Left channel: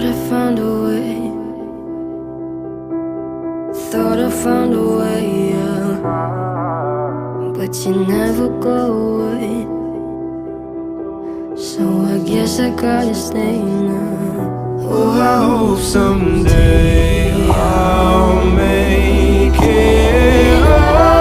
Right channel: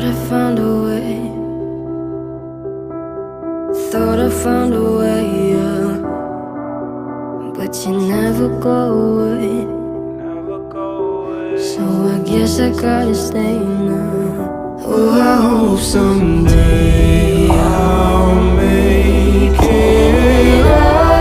Thought I found a way. Thought I found a way, yeah. But you never go away. So I guess I gotta stay now. Oh, I hope someday I'll make it right.